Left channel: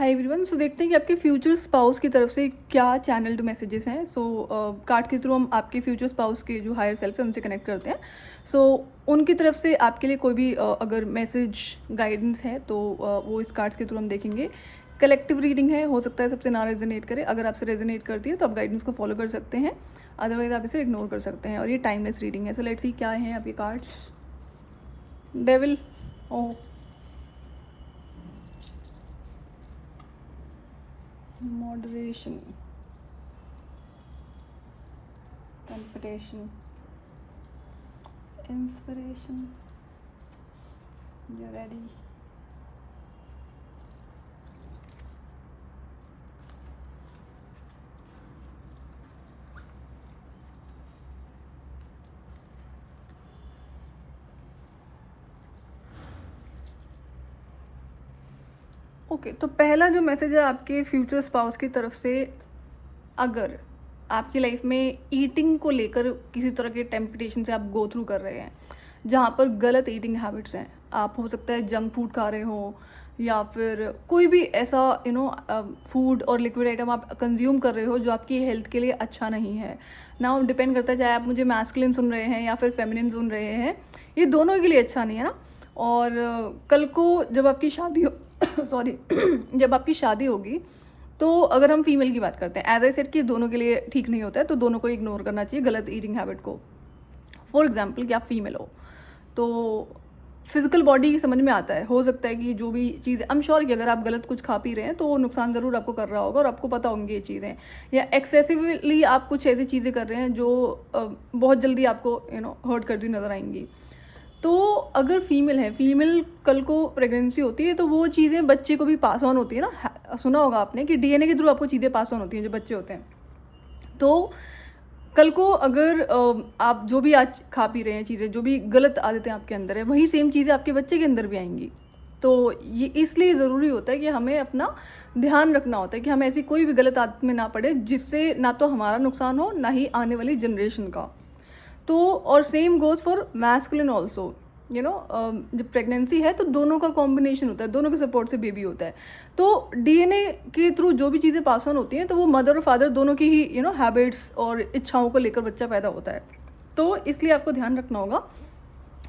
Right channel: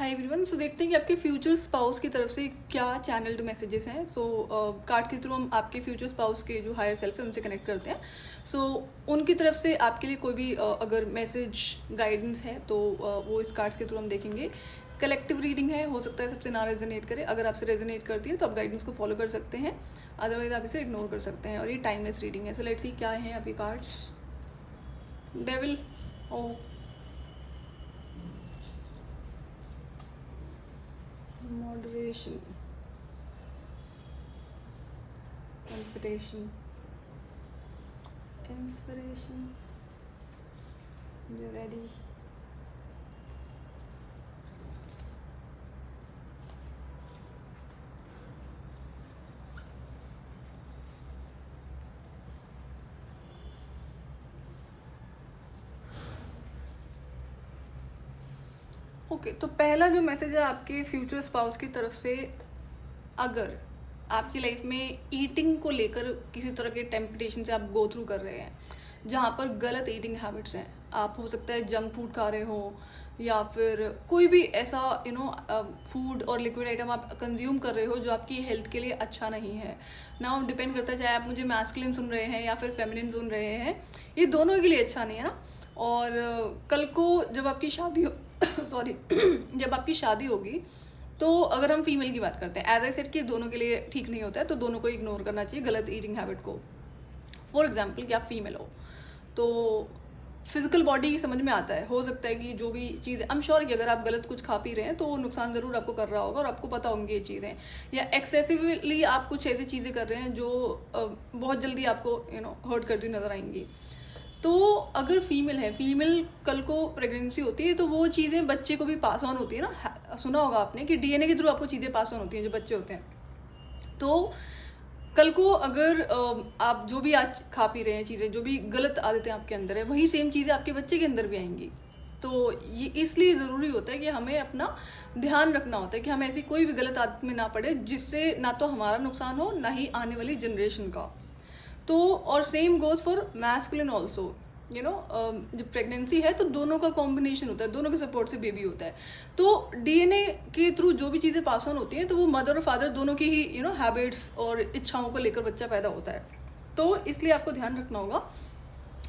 Hi everyone. सो देखते हैं कि आपके फ्यूचर स्पाउस की तरफ से क्या चैनल्ड मैसेजेस हैं। कार्ड के थ्रू हम आपके फ्यूचर स्पाउस के जो हायर सेल्फ है उनसे कनेक्ट करते हैं। सो उनकी तरफ से आपके लिए कोई भी अगर मैसेज गाइडेंस है तो वो इस कार्ड्स के थ्रू हम देखेंगे। कलेक्टिव रीडिंग है, हो सकता है सबसे ना रेजोनेट करे। अगर आपसे रेजोनेट करती है तो आप गाइडेंस को फॉलो कर सकते हैं, अदरवाइज आप इसे इग्नोर कर सकते हैं। और ये टाइमलेस रीडिंग है। सो लेट्स सी क्या हैं आपके cards. Devil, oh, moderation, competition, inspiration, you're ready. Okay, तो पहला जो मैसेज है आपके फ्यूचर स्पाउस की तरफ से, अगर आपकी लाइफ में ईटिंग को लेकर किसी तरह के टेम्पटेशन से आप गो थ्रू कर रहे हैं जहाँ पर गलत ईटिंग हैबिट्स हैं, आप हो सकता है जंक फूड खा रहे हो या फिर कोई भी ऐसा फूड और लिक्विड आइटम आप कंज्यूम कर रहे हो जो आपकी हेल्थ के लिए अच्छा नहीं है। नाउ डिपेंड करता है चाहे आप मुझे मैस्कुलिन सुन रहे हैं या फिर फेमिनिन सुन रहे हैं, ये दोनों के लिए अच्छा नहीं है ना। और कल को जब आपकी शादी हो सॉरी जब आपकी शादी होगी तो अगर हम फीमेल की बात करते हैं, एज आई सेड कि दोनों के लिए ठीक नहीं होता है, तो दोनों को इग्नोर करना चाहिए गलत ईटिंग हैबिट को। फॉर एग्जाम्पल कि आप फीमेल हो तो फिजिकल बॉडी समझ में आता है, हो सकता है कि जो भी चीज़, आई एम श्योर कि अगर आप गलत कुछ खा पी रहे हैं तो वो नुकसान ज़रूर आपको कर रहा होगा और आपको पता होंगी ये चीज़ें, या एक्सेसिवली आप कुछ ऐसी चीज़ें कर रहे हैं जो बहुत जल्दी आपको हर्ट करती नज़र आएंगी। तो अगर फीमेल है, फीमेल कल को प्रेगनेंसी होती है तो वो चीज़ें बच्चे को भी पास ऑन होती है ना। सुना होगा आपने कि डीएनए के थ्रू आपको चीज़ें पास ऑन होती हैं जो बच्चे होते हैं। तो कल को अगर आप जो भी आज खा पी रहे हैं चीज़ें, जो भी गलत आदतें आपके अंदर है, वही सेम चीज़ें आपके बच्चे के अंदर भी आएंगी। तो ये इसलिए ज़रूरी होता है कि हमें अपना ध्यान रखना होता है कि हम ऐसी कोई भी गलत आदत में ना पड़े जिससे ना तो हमारा नुकसान हो ना ही आने वाली जनरेशन का। तो और same goes for masculine also, जब प्रेगनेंसी है तो दोनों का कॉम्बिनेशन होता है, दोनों के सपोर्ट से बेबी होता है। तो डीएनए के थ्रू जो भी चीज़ें पास ऑन होती हैं तो वो मदर और फादर दोनों की ही हैबिट्स और इच्छाओं को लेकर बच्चा पैदा होता है। तो इसलिए आपको ध्यान रखना होगा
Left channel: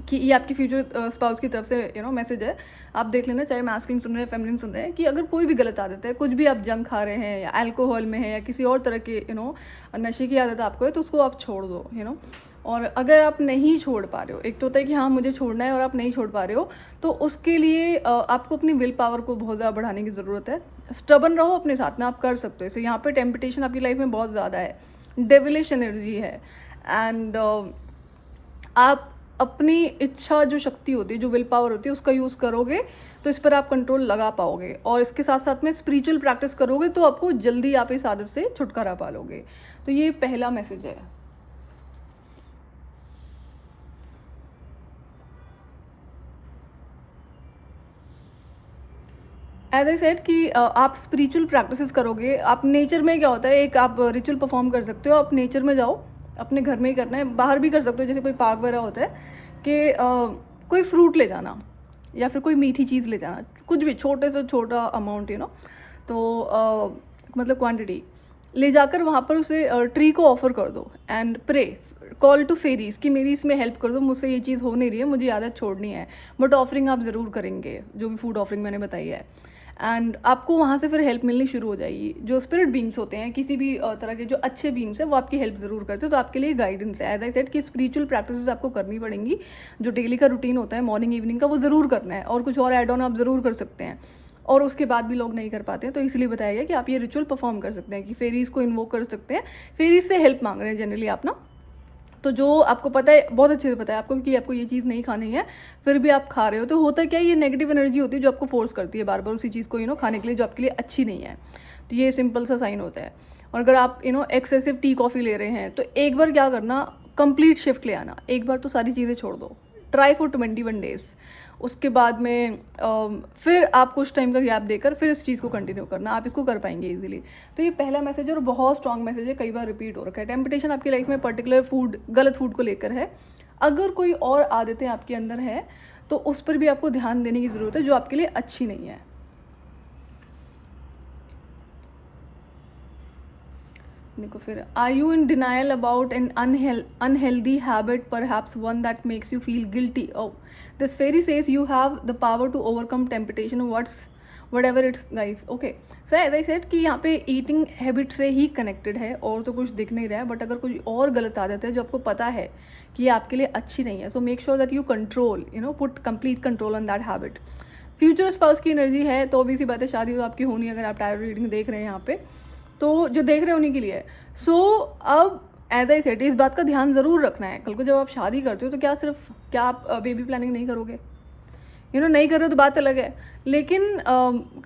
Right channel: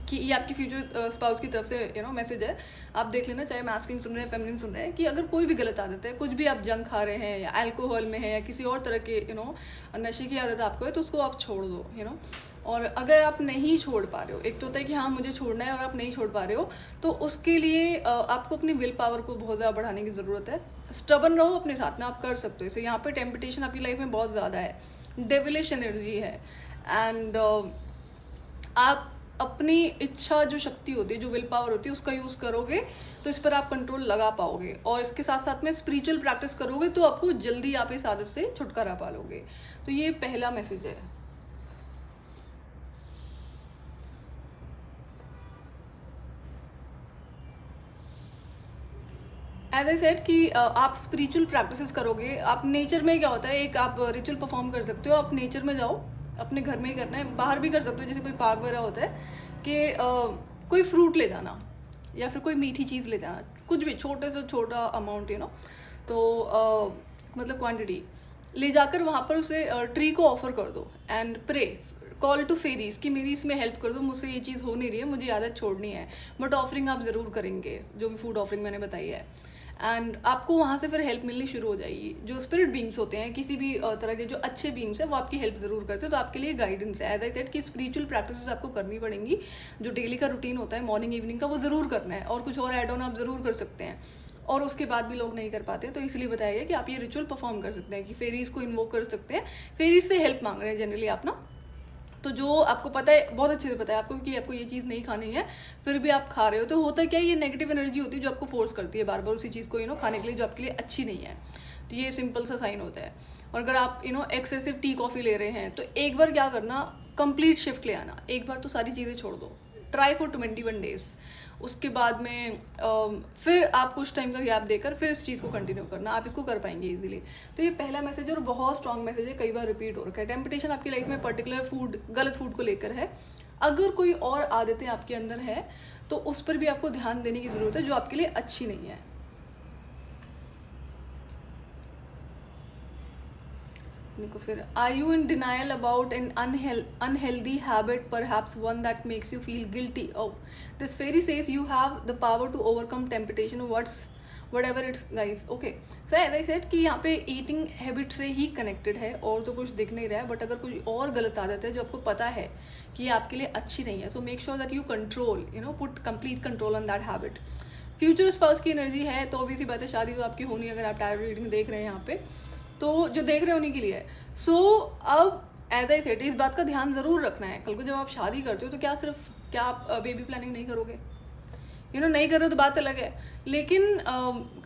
कि ये आपकी फ्यूचर स्पाउस की तरफ से मैसेज है। आप देख लेना, चाहे मैस्कुलिन सुन रहे हैं फेमिनिन सुन रहे हैं, कि अगर कोई भी गलत आदत है, कुछ भी आप जंक खा रहे हैं या अल्कोहल में है या किसी और तरह के नशे की आदत आपको है, तो उसको आप छोड़ दो। और अगर आप नहीं छोड़ पा रहे हो, एक तो होता है कि हाँ मुझे छोड़ना है और आप नहीं छोड़ पा रहे हो, तो उसके लिए आपको अपनी विल पावर को बहुत ज़्यादा बढ़ाने की ज़रूरत है। स्टबन रहो अपने साथ में, आप कर सकते हो। यहाँ पे टेम्पटेशन आपकी लाइफ में बहुत ज़्यादा है, डेविलिश एनर्जी है। एंड आप अपनी इच्छा जो शक्ति होती है, जो विल पावर होती है, उसका यूज़ करोगे तो इस पर आप कंट्रोल लगा पाओगे। और इसके साथ साथ में स्पिरिचुअल प्रैक्टिस करोगे तो आपको जल्दी आप इस आदत से छुटकारा पा लोगे। तो ये पहला मैसेज है। एज आई सेड कि आप स्पिरिचुअल प्रैक्टिसेस करोगे। आप नेचर में क्या होता है, एक आप रिचुअल परफॉर्म कर सकते हो, आप नेचर में जाओ, अपने घर में ही करना है, बाहर भी कर सकते हो, जैसे कोई पार्क वगैरह होता है कि कोई फ्रूट ले जाना या फिर कोई मीठी चीज़ ले जाना, कुछ भी छोटे से छोटा अमाउंट तो मतलब क्वांटिटी ले जाकर वहाँ पर उसे ट्री को ऑफर कर दो and pray, call to fairies कि मेरी इसमें हेल्प कर दो, मुझसे ये चीज़ हो नहीं रही है, मुझे आदत छोड़नी है। बट ऑफरिंग आप ज़रूर करेंगे, जो भी फूड ऑफरिंग मैंने बताई है, एंड आपको वहाँ से फिर हेल्प मिलनी शुरू हो जाएगी। जो स्पिरिट बींग्स होते हैं, किसी भी तरह के जो अच्छे बींग्स हैं, वो आपकी हेल्प ज़रूर करते हैं। तो आपके लिए गाइडेंस है। एज आई सेड कि स्पिरिचुअल प्रैक्टिसेस आपको करनी पड़ेंगी। जो डेली का रूटीन होता है मॉर्निंग इवनिंग का, वो ज़रूर करना है, और कुछ और एड ऑन आप ज़रूर कर सकते हैं। और उसके बाद भी लोग नहीं कर पाते हैं, तो इसलिए बताया गया कि आप ये रिचुअल परफॉर्म कर सकते हैं, कि फेरीज को इन्वोक कर सकते हैं। फेरीज से हेल्प मांग रहे हैं जनरली आप ना। तो जो आपको पता है, बहुत अच्छे से पता है आपको कि आपको ये चीज़ नहीं खानी है, फिर भी आप खा रहे हो, तो होता क्या है, ये नेगेटिव एनर्जी होती है जो आपको फोर्स करती है बार बार उसी चीज़ को खाने के लिए, जो आपके लिए अच्छी नहीं है। तो ये सिंपल सा साइन होता है। और अगर आप एक्सेसिव टी कॉफ़ी ले रहे हैं, तो एक बार क्या करना, कंप्लीट शिफ्ट ले आना, एक बार तो सारी चीज़ें छोड़ दो, ट्राई फॉर 21 डेज। उसके बाद में फिर आप कुछ टाइम का गैप देकर फिर इस चीज़ को कंटिन्यू करना, आप इसको कर पाएंगे इजीली। तो ये पहला मैसेज है और बहुत स्ट्रॉन्ग मैसेज है, कई बार रिपीट हो रखा है। टेम्पटेशन आपकी लाइफ में पर्टिकुलर फूड, गलत फूड को लेकर है। अगर कोई और आदतें आपके अंदर है तो उस पर भी आपको ध्यान देने की ज़रूरत है, जो आपके लिए अच्छी नहीं है। देखो फिर, are you in denial about an unhealthy habit, perhaps one that makes you feel guilty? Oh, this fairy says you have the power to overcome temptation, what's whatever it's guys. Okay, so as I said कि यहाँ पे eating habit से ही connected है, और तो कुछ दिख नहीं रहा है, बट अगर कोई और गलत आदत है जो आपको पता है कि ये आपके लिए अच्छी नहीं है, so make sure that you control, you know, put complete control on that habit. Future spouse की एनर्जी है, तो ऑब्वियसली बात है शादी तो आपकी होनी है, अगर आप टायर रीडिंग देख रहे हैं यहाँ पे, तो जो देख रहे हैं उन्हीं के लिए. सो अब एज आई सेड, इस बात का ध्यान ज़रूर रखना है, कल को जब आप शादी करते हो तो क्या आप बेबी प्लानिंग नहीं करोगे? नहीं कर रहे हो तो बात अलग है, लेकिन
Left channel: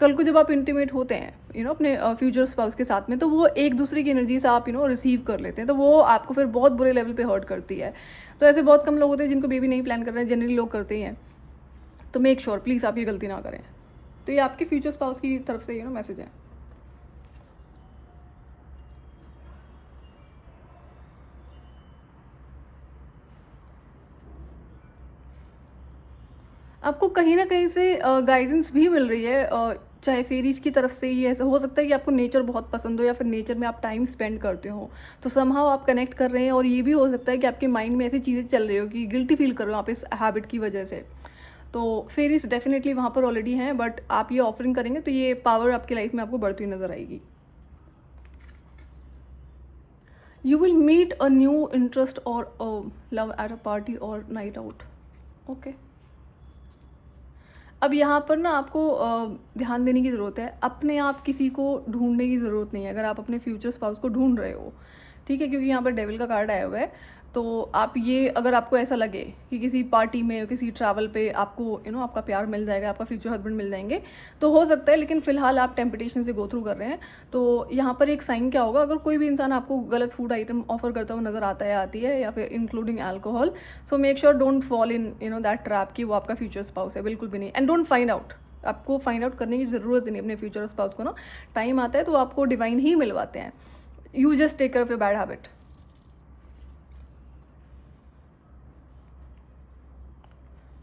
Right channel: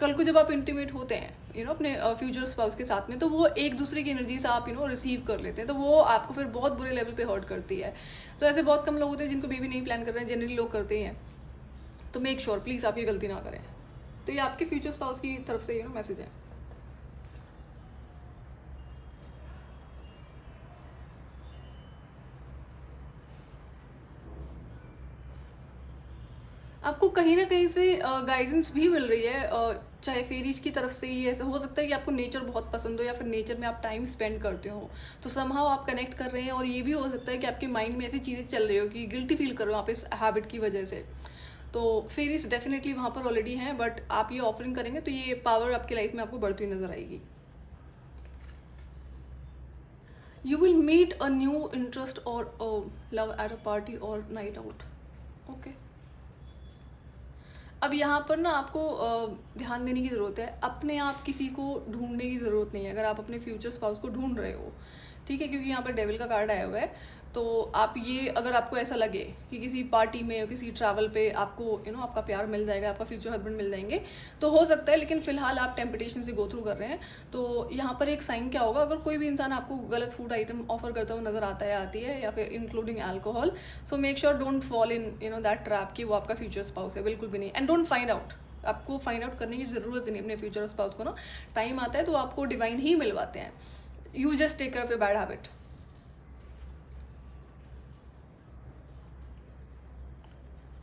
कल को जब आप इंटीमेट होते हैं अपने फ्यूचर स्पाउस के साथ में, तो वो एक दूसरे की एनर्जी से आप रिसीव कर लेते हैं, तो वो आपको फिर बहुत बुरे लेवल पे हर्ट करती है. तो ऐसे बहुत कम लोग होते हैं जिनको बेबी नहीं प्लान कर रहे हैं, जनरली लोग करते ही हैं. तो मेक श्योर प्लीज़ आप ये गलती ना करें. तो ये आपके फ्यूचर स्पाउस की तरफ से मैसेज है. आपको कहीं ना कहीं से गाइडेंस भी मिल रही है, चाहे फेरीज की तरफ से ही. ऐसा हो सकता है कि आपको नेचर बहुत पसंद हो, या फिर नेचर में आप टाइम स्पेंड करते हो, तो समहाउ आप कनेक्ट कर रहे हैं. और ये भी हो सकता है कि आपके माइंड में ऐसी चीज़ें चल रही हो कि गिल्टी फील कर रहे हो आप इस हैबिट की वजह से. तो फेरीज डेफिनेटली वहाँ पर ऑलरेडी हैं, बट आप ये ऑफरिंग करेंगे तो ये पावर आपकी लाइफ में आपको बढ़ती नजर आएगी. You will meet a new interest or love at a party or night out. Okay, अब यहाँ पर ना आपको ध्यान देने की ज़रूरत है. अपने आप किसी को ढूंढने की ज़रूरत नहीं है अगर आप अपने फ्यूचर स्पाउस को ढूंढ रहे हो, ठीक है, क्योंकि यहाँ पर डेविल का कार्ड आया हुआ है. तो आप ये, अगर आपको ऐसा लगे कि किसी पार्टी में, किसी ट्रैवल पे आपको आपका प्यार मिल जाएगा, आपका फ्यूचर हस्बैंड मिल जाएंगे, तो हो सकता है, लेकिन फिलहाल आप टेम्पटेशन से गो थ्रू कर रहे हैं. तो यहाँ पर एक साइन क्या होगा, अगर कोई भी इंसान आपको गलत फूड आइटम ऑफर करता हुआ नजर आता है, आती है, या फिर including alcohol, so make sure don't fall in that trap कि वो आपका फ्यूचर स्पाउस है, बिल्कुल भी नहीं. एंड डोंट फाइंड आउट, आपको फाइंड आउट करने की ज़रूरत नहीं अपने फ्यूचर स्पाउस को. टाइम आता है तो आपको डिवाइन ही मिलवाते हैं. You just take care of your bad habit.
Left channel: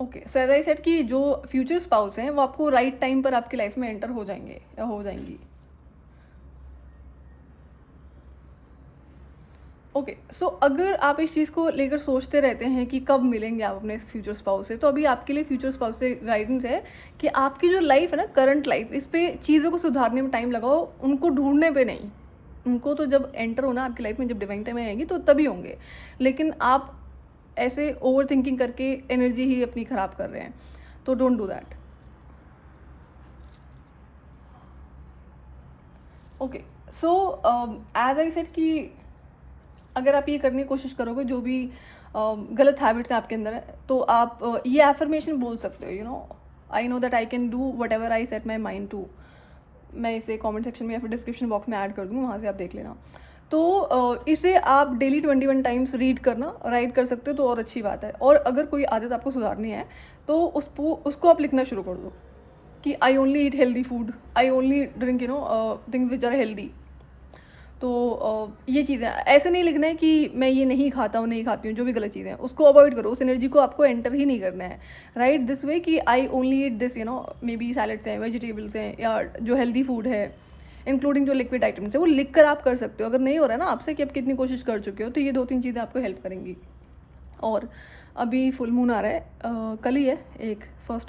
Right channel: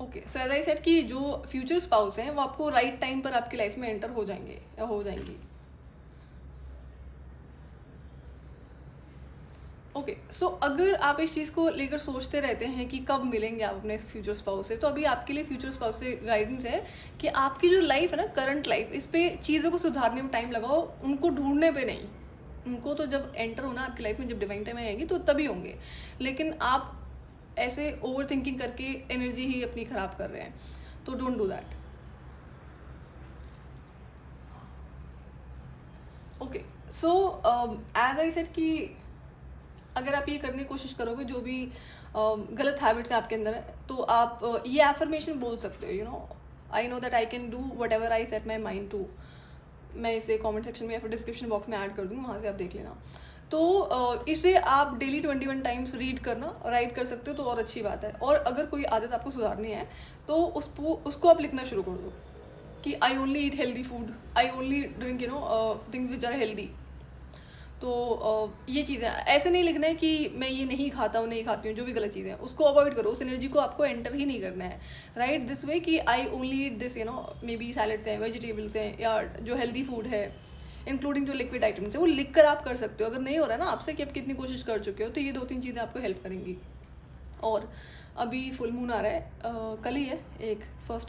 Okay, so as I said कि जो फ्यूचर स्पाउस हैं वो आपको राइट टाइम पर आपकी लाइफ में एंटर हो जाएंगे या हो जाएंगी. ओके, सो अगर आप इस चीज़ को लेकर सोचते रहते हैं कि कब मिलेंगे आप अपने फ्यूचर स्पाउस से, तो अभी आपके लिए फ्यूचर स्पाउस से गाइडेंस है कि आपकी जो लाइफ है ना, करंट लाइफ, इस पे चीज़ों को सुधारने में टाइम लगाओ, उनको ढूंढने पे नहीं. उनको तो जब एंटर होना आपकी लाइफ में, जब डिवाइन टाइम आएंगी तो तभी होंगे, लेकिन आप ऐसे ओवर थिंकिंग करके एनर्जी ही अपनी ख़राब कर रहे हैं. तो don't do that. Okay, so as I said कि अगर आप ये करने की कोशिश करोगे, जो भी गलत हैबिट्स हैं आपके अंदर है, तो आप ये एफर्मेशन बोल सकते हो, I know that I can do whatever I set my mind to. मैं इसे कमेंट सेक्शन में या फिर डिस्क्रिप्शन बॉक्स में ऐड कर दूँ, वहाँ से आप देख लेना. तो इसे आप डेली 21 टाइम्स रीड करना, राइट कर सकते हो, तो और अच्छी बात है. और अगर कोई आदत आपको सुधारनी है तो उसको आप लिखना शुरू कर दो कि I only eat healthy food, I only drink things which are healthy. तो ये चीज़ें ऐसे नहीं लिखना है कि मैं ये नहीं खाता हूँ, नहीं खाती हूँ, जो भी गलत चीज़ें हैं उसको अवॉइड करो, उस एनर्जी को आपको एंटर ही नहीं करना है. राइट दिस वे कि I only eat this, may be salads हैं, वेजिटेबल्स हैं, या जो हेल्दी फूड है, इंक्लूडिंग जो लिक्विड आइटम्स है, वो लिख कर आप कर सकते हो. अगर नहीं हो रहा है ना आपसे कि आप कितनी कोशिश कर चुके हो, तो ये 2-3 चीज़ें आपको हेल्प करेंगी. और अभी फुल मून आ रहा है, कल ही है, 1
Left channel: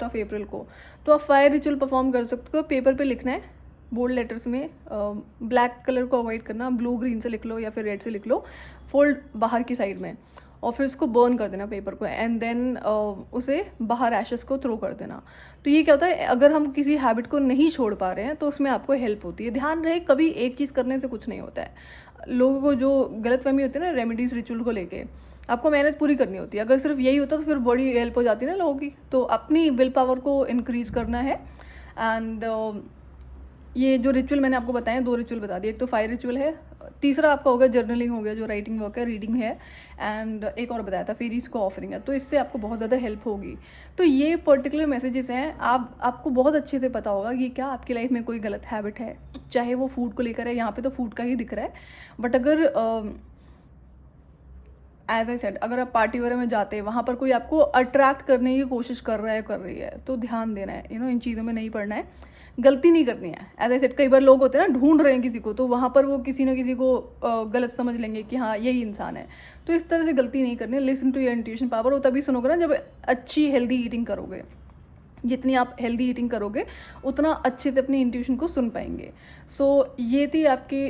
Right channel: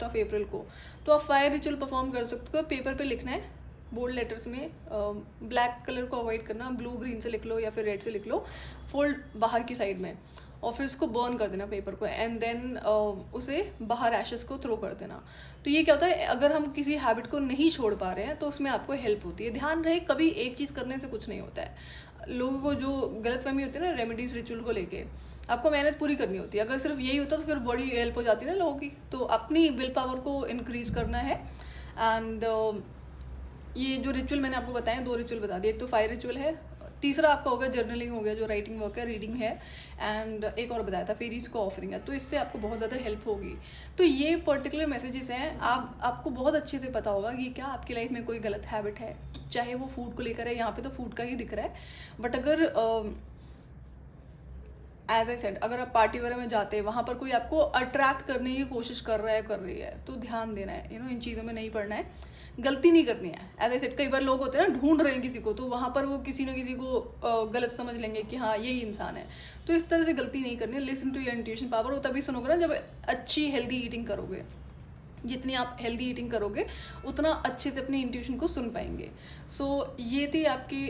अप्रैल को, तो आप फायर रिचुअल परफॉर्म कर सकते हो. पेपर पे लिखना है बोल्ड लेटर्स में, ब्लैक कलर को अवॉइड करना, ब्लू ग्रीन से लिख लो या फिर रेड से लिख लो, फोल्ड बाहर की साइड में, और फिर उसको बर्न कर देना पेपर को, एंड देन उसे बाहर एशेस को थ्रो कर देना. तो ये क्या होता है, अगर हम किसी हैबिट को नहीं छोड़ पा रहे हैं तो उसमें आपको हेल्प होती है. ध्यान रहे, कभी एक चीज़ करने से कुछ नहीं होता है. लोगों को जो गलतफहमी होती है ना रेमेडीज रिचुअल को लेके, आपको मेहनत पूरी करनी होती है. अगर सिर्फ यही होता तो फिर बड़ी हेल्प हो जाती है ना लोगों की. तो अपनी विल पावर को इंक्रीज करना है. एंड ये जो रिचुअल मैंने आपको बताया, 2 रिचुअल बता दिए. एक तो फायर रिचुअल है, तीसरा आपका होगा जर्नलिंग, हो गया जो राइटिंग वर्क है, रीडिंग है, एंड एक और बताया था फेरीज को ऑफरिंग है. तो इससे आपको बहुत ज़्यादा हेल्प होगी. तो ये पर्टिकुलर मैसेजेस हैं, आपको बहुत अच्छे से पता होगा कि क्या आपकी लाइफ में कोई गलत हैबिट है, चाहे वो फूड को लेकर है. यहाँ पे तो फूड का ही दिख रहा है, बट अगर एज आई सेड, अगर आप पार्टी वगैरह में जाते हैं, वहाँ पर कोई आपको अट्रैक्ट करने की कोशिश कर रहा है, कर रही है, तो ध्यान देना है, इन चीज़ों में नहीं पड़ना है, गलती नहीं करनी है। एज आई सेड, कई बार लोग होते हैं ना, ढूंढ रहे हैं किसी को, तो वहाँ पर वो किसी ना किसी को गलत समझ लेंगे कि हाँ यही इंसान है। तो इस तरह से गलती नहीं करनी है। Listen to your intuition power, वो तभी सुनोगे ना जब अच्छी हेल्दी ईटिंग करोगे। जितनी आप हेल्दी ईटिंग करोगे उतना अच्छे से अपनी इंट्यूशन को सुन पाएंगे। सो ये थी आपके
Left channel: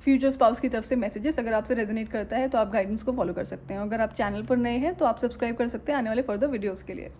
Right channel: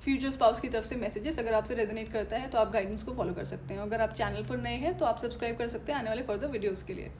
फ्यूचर स्पाउस की तरफ से मैसेजेस। अगर आपसे रेजोनेट करता है तो आप गाइडेंस को फॉलो कर सकते हैं। अगर आप चैनल पर नए हैं तो आप सब्सक्राइब कर सकते हैं आने वाले फर्दर वीडियोज़ के लिए।